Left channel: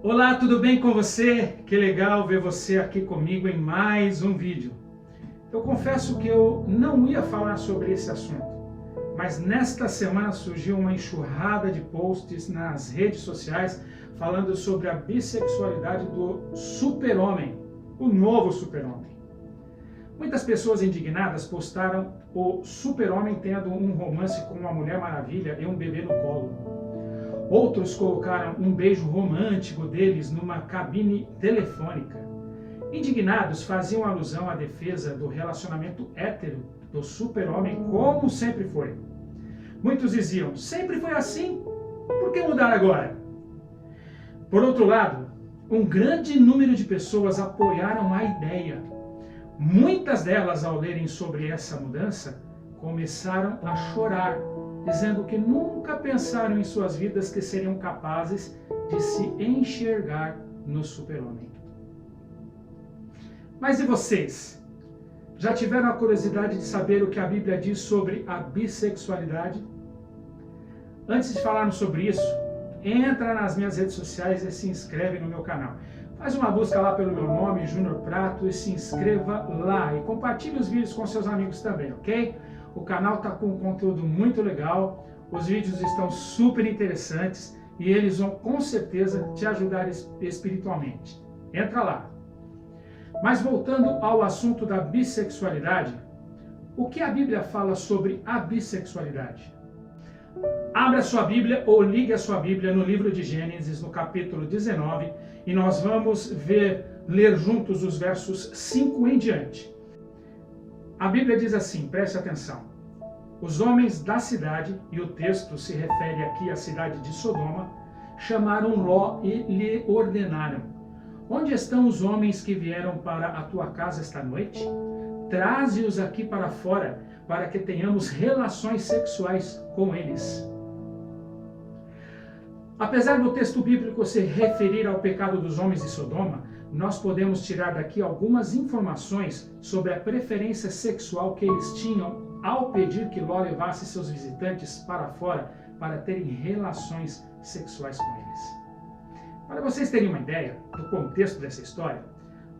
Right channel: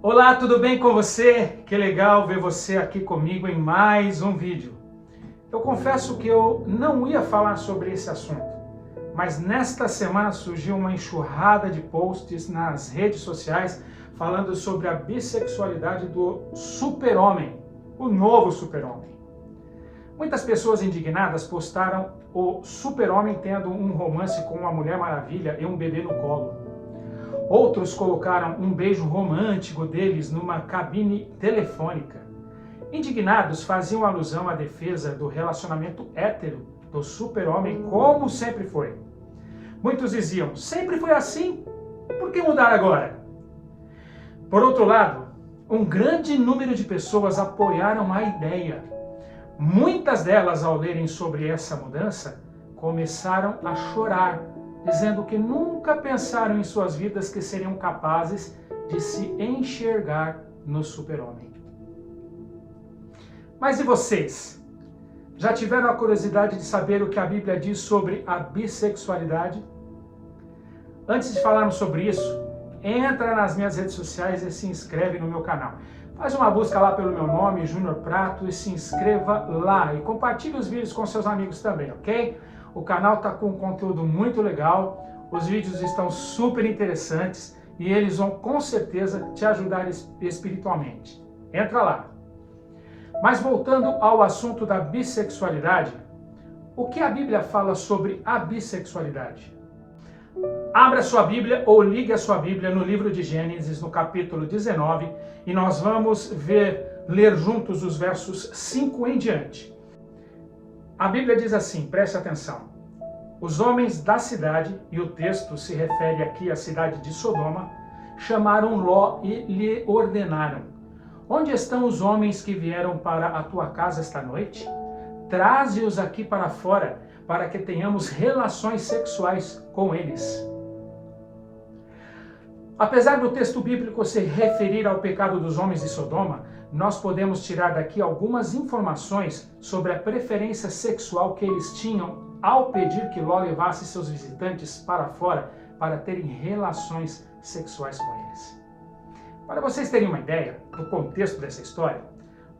Olá, tudo bem com você? Que legal ver você aqui comigo em mais um vídeo. Eu confesso que eu não ia falar sobre esse assunto, mas nesta semana surgiu uma enxurrada de posts nas redes sociais falando sobre a bissexualidade do super-homem, o novo super-homem. Muitas pessoas indignadas postaram o super-homem tendo um romance com uma Mulher Maravilha e um bebê no colo. Outros colocaram um beijo romântico deles numa cabine telefônica. Indignados, faziam alusão à defesa do relacionamento hétero do super-homem como sempre foi. Muitos diziam, sempre foi assim, por que mudar agora? Por outro lado, um grande número de pessoas apoiaram a ideia. Muitas delas, ao lerem sobre essa mudança, começaram a chorar, dizendo que nunca pensaram em suas vidas que seriam capazes de se enxergar no super-homem. Mas e vocês? Já tiveram a curiosidade de saber o que a Bíblia diz sobre a bissexualidade? Antes de falarmos sobre isso, entra nas minhas redes sociais e se inscreve no meu canal. Faz uma busca lá pelo meu nome, Júnior Prato, e se inscreva lá. E compartilhe os vídeos com seus amigos também, ok? O canal está com um conteúdo muito legal, os vídeos estão super interessantes e eles vão com certeza te ajudar espiritualmente. Entra lá. Mas voltando ao assunto da bissexualidade, o que a Bíblia fala sobre a bissexualidade? Abra sua Bíblia ou ligue a sua Bíblia no livro de Gênesis, no capítulo 19, e nós vamos ler juntos os versos 5 em diante. A Bíblia diz assim, preste atenção. Os homens da cidade, e o texto se refere aqui à cidade de Sodoma, chamaram Ló e lhe ordenaram: onde estão os homens que vieram para a tua casa esta noite? Traze-os aqui para fora, para que tenhamos relações sexuais com eles. Apesar do texto bíblico se referir ao pecado dos homens de Sodoma, nós podemos tirar daqui algumas informações sobre a preferência sexual que eles tinham ao pedir que Ló levasse seus visitantes para fora para terem relações sexuais com eles. Para vocês terem uma ideia do contexto dessa história,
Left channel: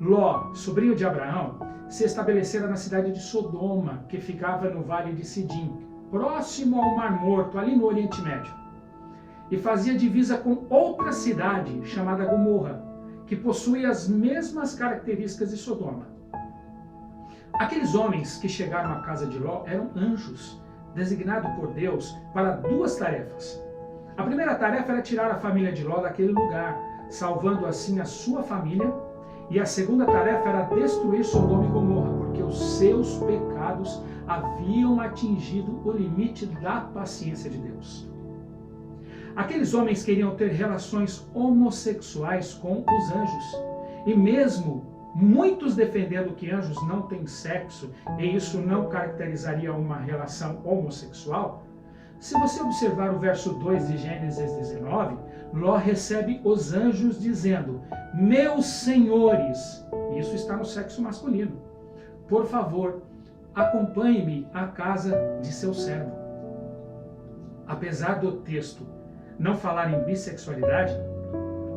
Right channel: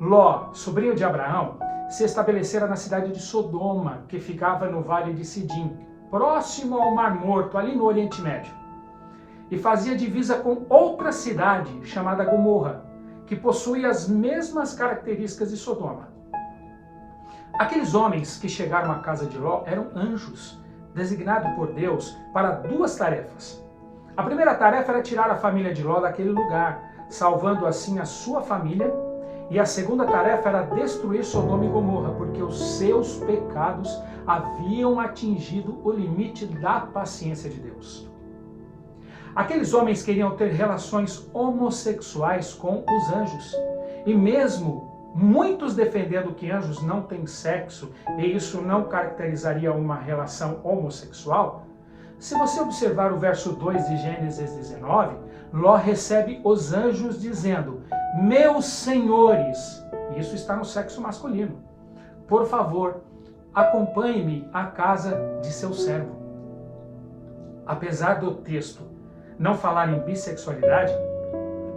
Ló, sobrinho de Abraão, se estabelecera na cidade de Sodoma, que ficava no vale de Sidim, próximo ao Mar Morto, ali no Oriente Médio, e fazia divisa com outra cidade chamada Gomorra, que possuía as mesmas características de Sodoma. Aqueles homens que chegaram à casa de Ló eram anjos, designados por Deus para duas tarefas. A primeira tarefa era tirar a família de Ló daquele lugar, salvando assim a sua família, e a segunda tarefa era destruir Sodoma e Gomorra, porque os seus pecados haviam atingido o limite da paciência de Deus. Aqueles homens queriam ter relações homossexuais com os anjos, e mesmo muitos defendendo que anjos não têm sexo e isso não caracterizaria uma relação homossexual, se você observar o verso 2 de Gênesis 19, Ló recebe os anjos dizendo: meus senhores, e isso está no sexo masculino, por favor, acompanhe-me à casa de seu servo. Apesar do texto não falar em bissexualidade,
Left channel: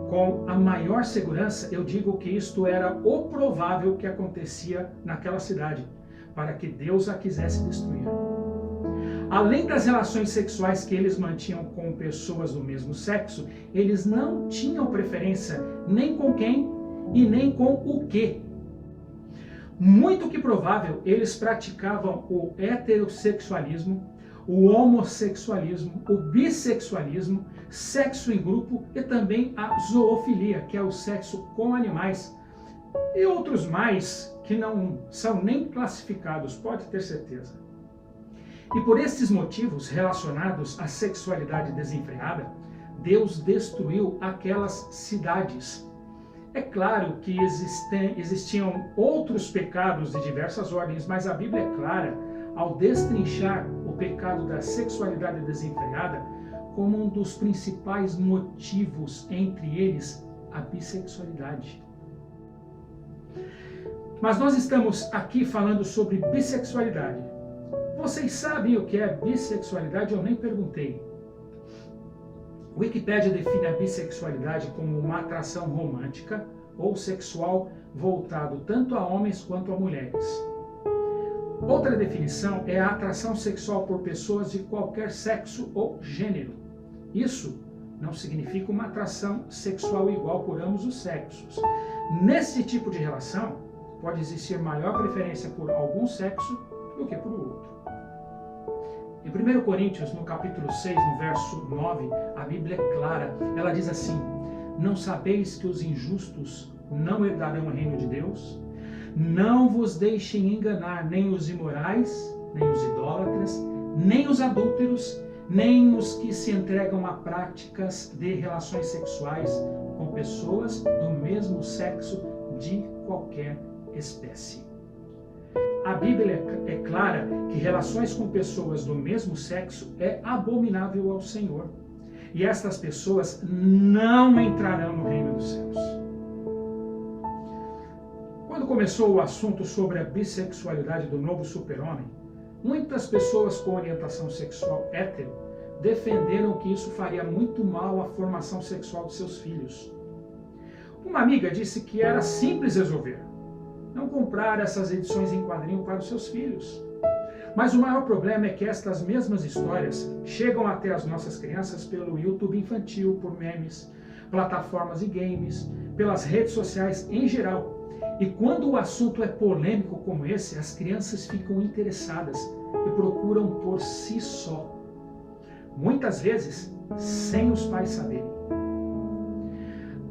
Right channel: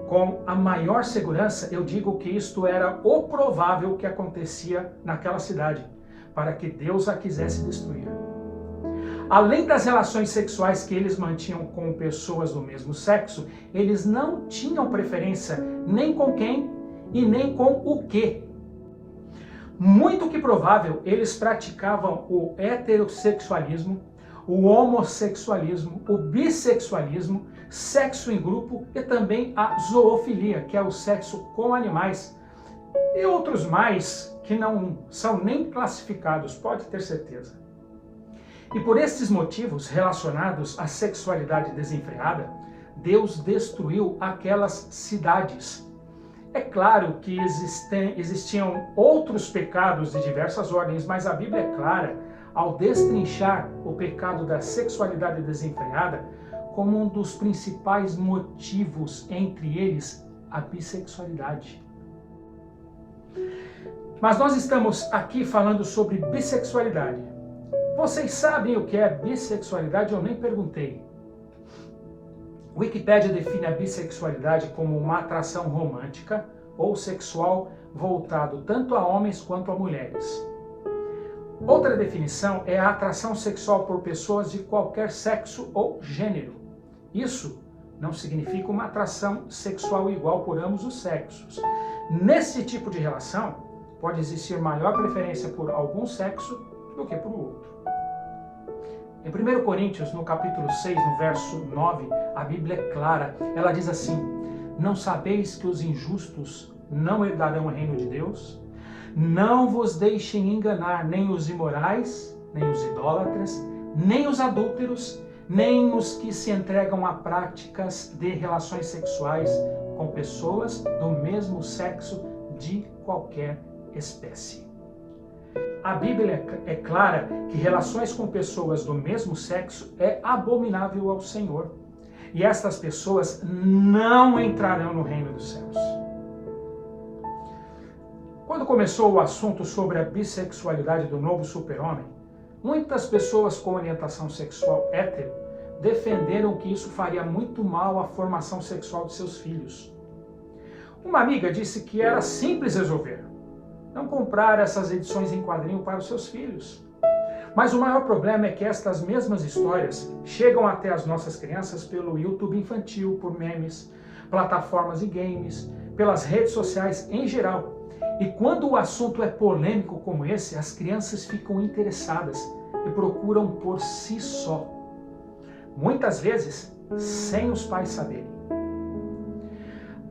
com a maior segurança eu digo que isto era o provável que acontecia naquela cidade, para que Deus a quisesse destruir. Além das relações sexuais que eles mantinham com pessoas do mesmo sexo, eles não tinham preferência nem com quem e nem com o que. Muito que provável, eles praticavam o heterossexualismo, o homossexualismo, o bissexualismo, sexo em grupo e também a zoofilia, que é o sexo com animais, e outros mais que não são nem classificados, pode ter certeza. E por esses motivos relacionados à sexualidade desenfreada, Deus destruiu aquelas cidades. É claro que existiam outros pecados de diversas ordens, mas a Bíblia é clara ao destrinchar o pecado da sexualidade desenfreada como um dos principais motivos, entre eles a bissexualidade. Mas nós estamos aqui falando sobre bissexualidade. Vocês sabem o que é bissexualidade? Eu nem perguntei. Wikipédia define a bissexualidade como uma atração romântica ou sexual voltado tanto a homens quanto a mulheres. Outra definição é a atração sexual por pessoas de qualquer sexo ou gênero. Isso não significa uma atração sexual igual por ambos os sexos. Nesse tipo de relação, pode existir maior preferência por algum sexo do que por outro. Em 1 Coríntios, no capítulo 6, no verso 9, a Bíblia é clara. Ela diz assim: não sabeis que os injustos não herdarão o reino de Deus? Não vos deixem enganar nem os imorais, nem os idólatras, nem os adúlteros, nem os que se entregam a práticas de relações sexuais com pessoas do mesmo sexo de qualquer espécie. A Bíblia é clara que relações com pessoas do mesmo sexo é abominável ao Senhor. E estas pessoas não entrarão no reino dos céus. Quando começou o assunto sobre a bissexualidade do novo super-homem, muitas pessoas com orientação sexual hétero defenderam que isso faria muito mal à formação sexual de seus filhos. Uma amiga disse que era simples resolver: não comprar essas edições em quadrinho para os seus filhos. Mas o maior problema é que estas mesmas histórias chegam até as nossas crianças pelo YouTube infantil, por memes, plataformas e games, pelas redes sociais em geral. E quando o assunto é polêmico como esse, as crianças ficam interessadas e procuram por si só. Muitas vezes, sem os pais saberem.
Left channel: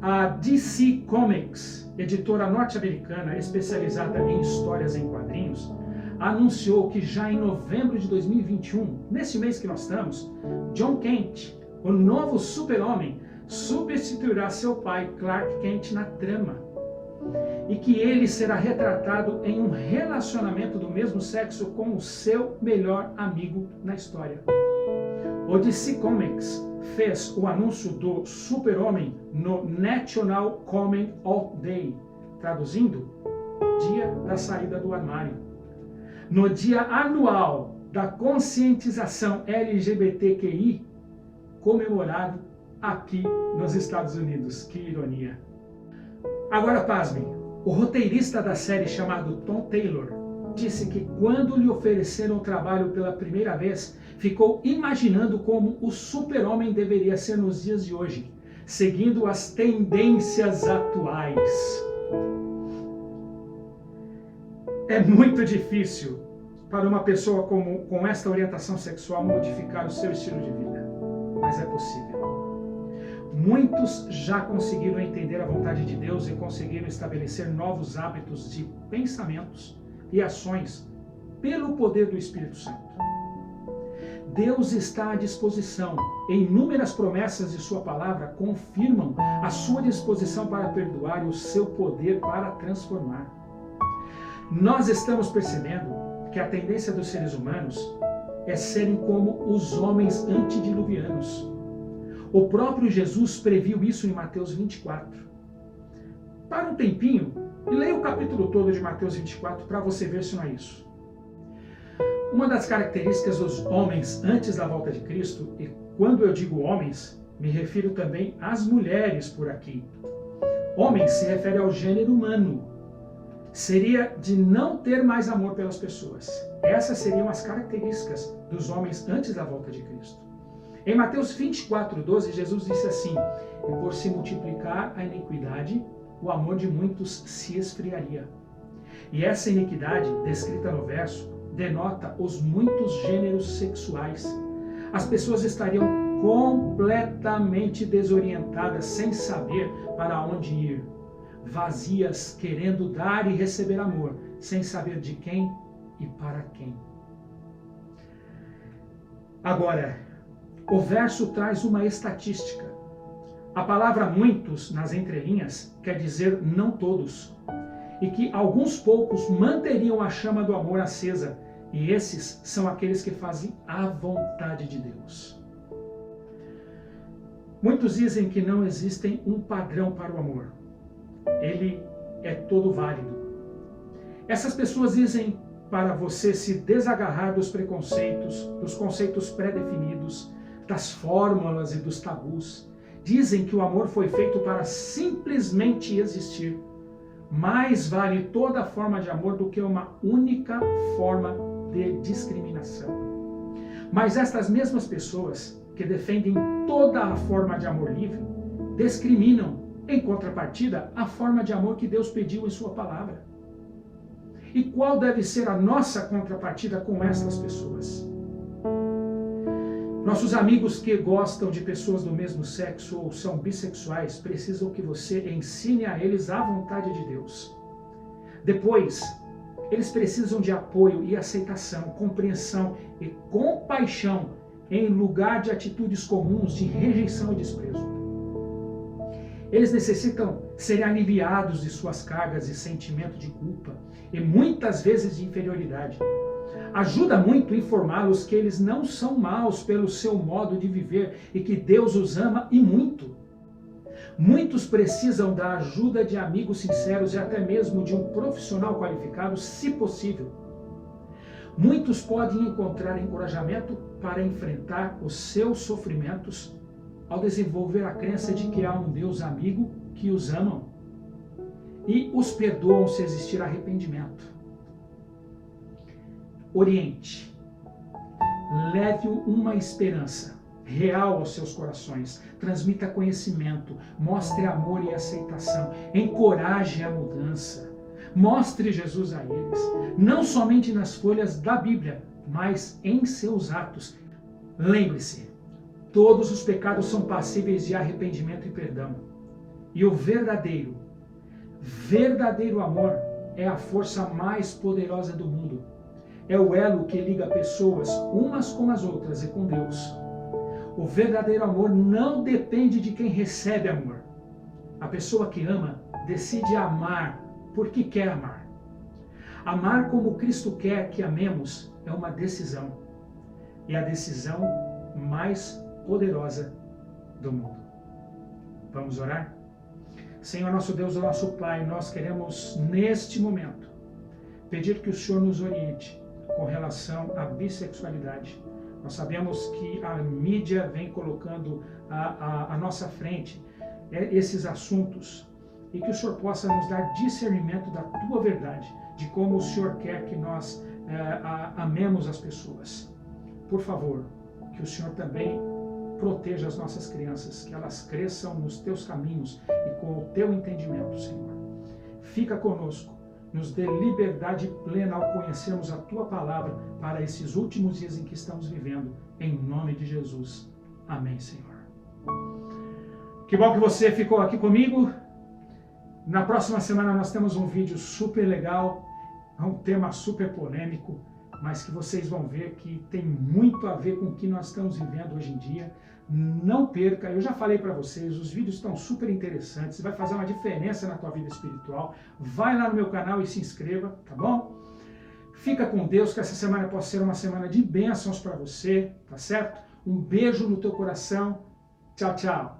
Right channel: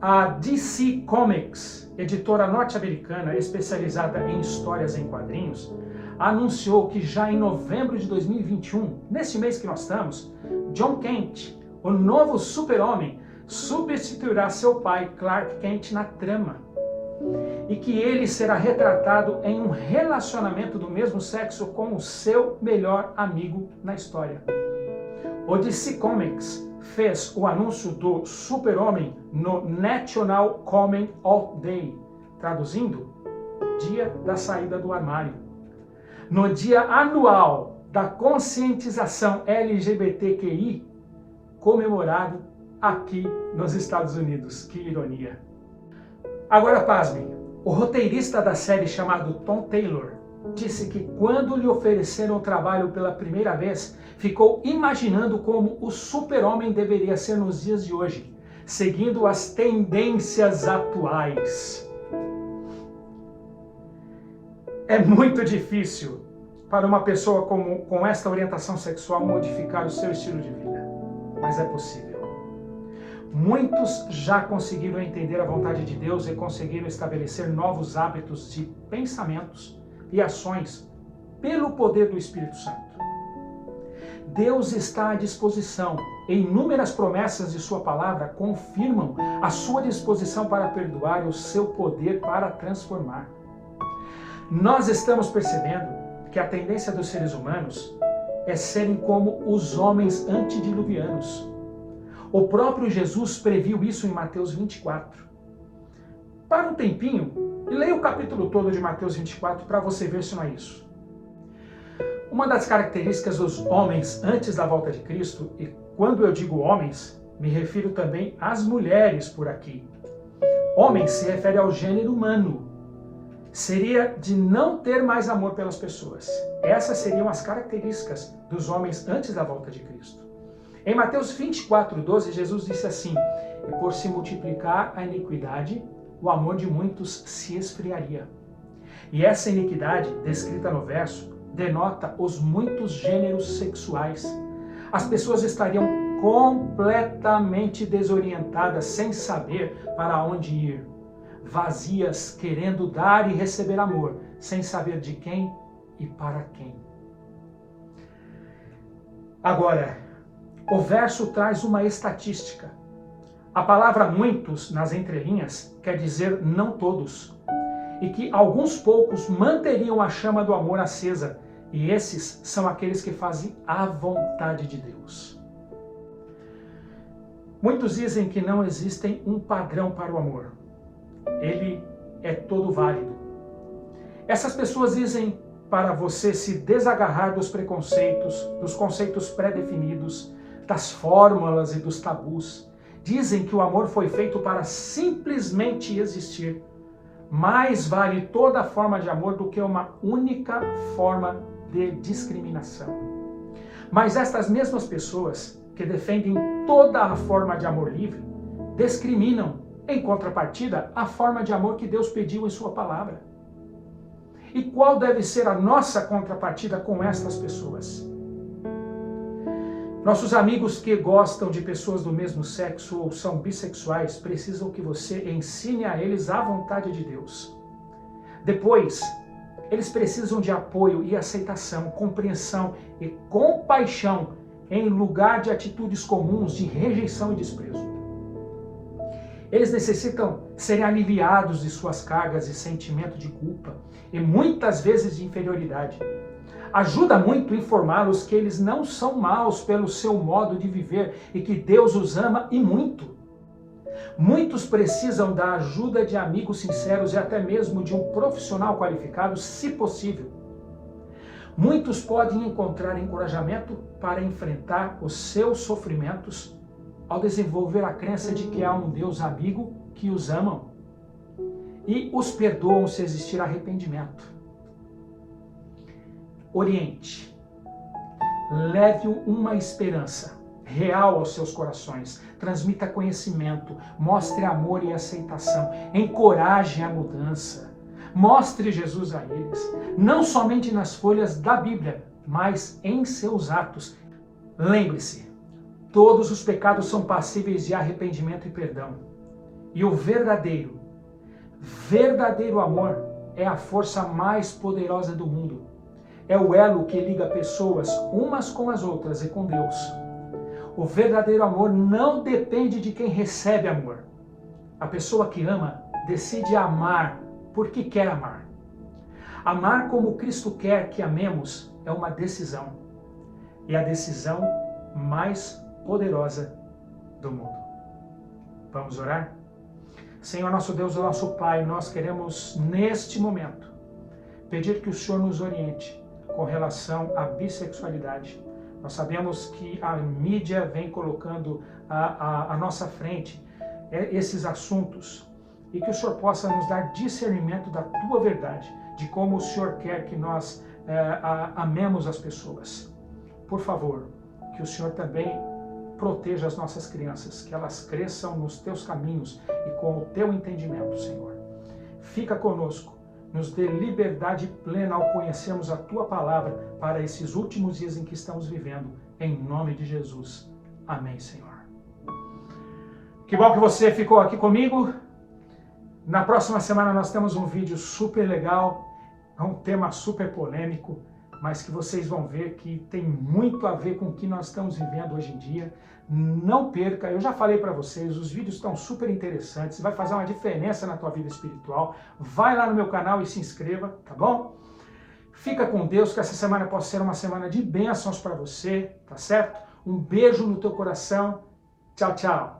A DC Comics, editora norte-americana especializada em histórias em quadrinhos, anunciou que já em novembro de 2021, nesse mês que nós estamos, John Kent, o novo super-homem, substituirá seu pai Clark Kent na trama. E que ele será retratado em um relacionamento do mesmo sexo com o seu melhor amigo na história. O DC Comics fez o anúncio do Super-Homem no National Coming Out Day, traduzindo, Dia da Saída do Armário. No dia anual da conscientização LGBTQI, comemorado aqui nos Estados Unidos. Que ironia. Agora pasmem, o roteirista da série chamado Tom Taylor disse que quando lhe ofereceram o trabalho pela primeira vez, ficou imaginando como o super-homem deveria ser nos dias de hoje, seguindo as tendências atuais. É muito difícil para uma pessoa com esta orientação sexual modificar o seu estilo de vida, mas é possível. Muitos já conseguiram entender a vontade de Deus e conseguiram estabelecer novos hábitos de pensamentos e ações pelo poder do Espírito Santo. Deus está à disposição e inúmeras promessas de sua palavra confirmam a sua disposição para perdoar e o seu poder para transformar. Nós estamos percebendo que a tendência dos seres humanos é serem como os homens antediluvianos. O próprio Jesus previu isso em Mateus 24. Para um tempinho e leia o capítulo todo de Mateus 24 para você ver se não é isso. Uma das características dos homens antes da volta de Cristo, e quando eu digo homens, me refiro também às mulheres por aqui. Homem se refere ao gênero humano. Seria de não ter mais amor pelas pessoas. Essas seriam as características dos homens antes da volta de Cristo. Em Mateus 24:12, Jesus disse assim: e por se multiplicar a iniquidade, o amor de muitos se esfriaria. E essa iniquidade, descrita no verso, denota os muitos gêneros sexuais. As pessoas estariam completamente desorientadas, sem saber para onde ir. Vazias, querendo dar e receber amor, sem saber de quem e para quem. Agora, o verso traz uma estatística. A palavra muitos, nas entrelinhas, quer dizer não todos. E que alguns poucos manteriam a chama do amor acesa. E esses são aqueles que fazem a vontade de Deus. Muitos dizem que não existe um padrão para o amor. Ele é todo válido. Essas pessoas dizem para você se desagarrar dos preconceitos, dos conceitos pré-definidos, das fórmulas e dos tabus. Dizem que o amor foi feito para simplesmente existir. Mais vale toda forma de amor do que uma única forma de discriminação. Mas estas mesmas pessoas que defendem toda a forma de amor livre, discriminam, em contrapartida, a forma de amor que Deus pediu em sua palavra. E qual deve ser a nossa contrapartida com estas pessoas? Nossos amigos que gostam de pessoas do mesmo sexo ou são bissexuais precisam que você ensine a eles a vontade de Deus. Depois, eles precisam de apoio e aceitação, compreensão e compaixão em lugar de atitudes comuns de rejeição e desprezo. Eles necessitam serem aliviados de suas cargas e sentimento de culpa e muitas vezes de inferioridade. Ajuda muito informá-los que eles não são maus pelo seu modo de viver e que Deus os ama e muito. Muitos precisam da ajuda de amigos sinceros e até mesmo de um profissional qualificado, se possível. Muitos podem encontrar encorajamento para enfrentar os seus sofrimentos ao desenvolver a crença de que há um Deus amigo que os ama e os perdoam se existir arrependimento. Oriente. Leve uma esperança real aos seus corações. Transmita conhecimento, mostre amor e aceitação, encoraje a mudança. Mostre Jesus a eles, não somente nas folhas da Bíblia, mas em seus atos. Lembre-se, todos os pecados são passíveis de arrependimento e perdão. E o verdadeiro amor é a força mais poderosa do mundo. É o elo que liga pessoas umas com as outras e com Deus. O verdadeiro amor não depende de quem recebe amor. A pessoa que ama decide amar porque quer amar. Amar como Cristo quer que amemos é uma decisão. E a decisão mais poderosa do mundo. Vamos orar? Senhor nosso Deus e nosso Pai, nós queremos neste momento pedir que o Senhor nos oriente com relação à bissexualidade. Nós sabemos que a mídia vem colocando à nossa frente esses assuntos e que o Senhor possa nos dar discernimento da Tua verdade, de como o Senhor quer que nós amemos as pessoas. Por favor, que o Senhor também proteja as nossas crianças, que elas cresçam nos Teus caminhos e com o Teu entendimento, Senhor. Fica conosco. Nos dê liberdade plena ao conhecermos a Tua Palavra para esses últimos dias em que estamos vivendo. Em nome de Jesus. Amém, Senhor. Que bom que você ficou aqui comigo. Na próxima semana nós temos um vídeo super legal, um tema super polêmico, mas que vocês vão ver que tem muito a ver com o que nós estamos vivendo hoje em dia. Não perca, eu já falei para vocês, os vídeos estão super interessantes, vai fazer uma diferença na tua vida espiritual. Vai lá no meu canal e se inscreva, tá bom? Fica com Deus, que essa semana possa ser uma semana de bênçãos para você, tá certo? Um beijo no teu coração. Tchau, tchau.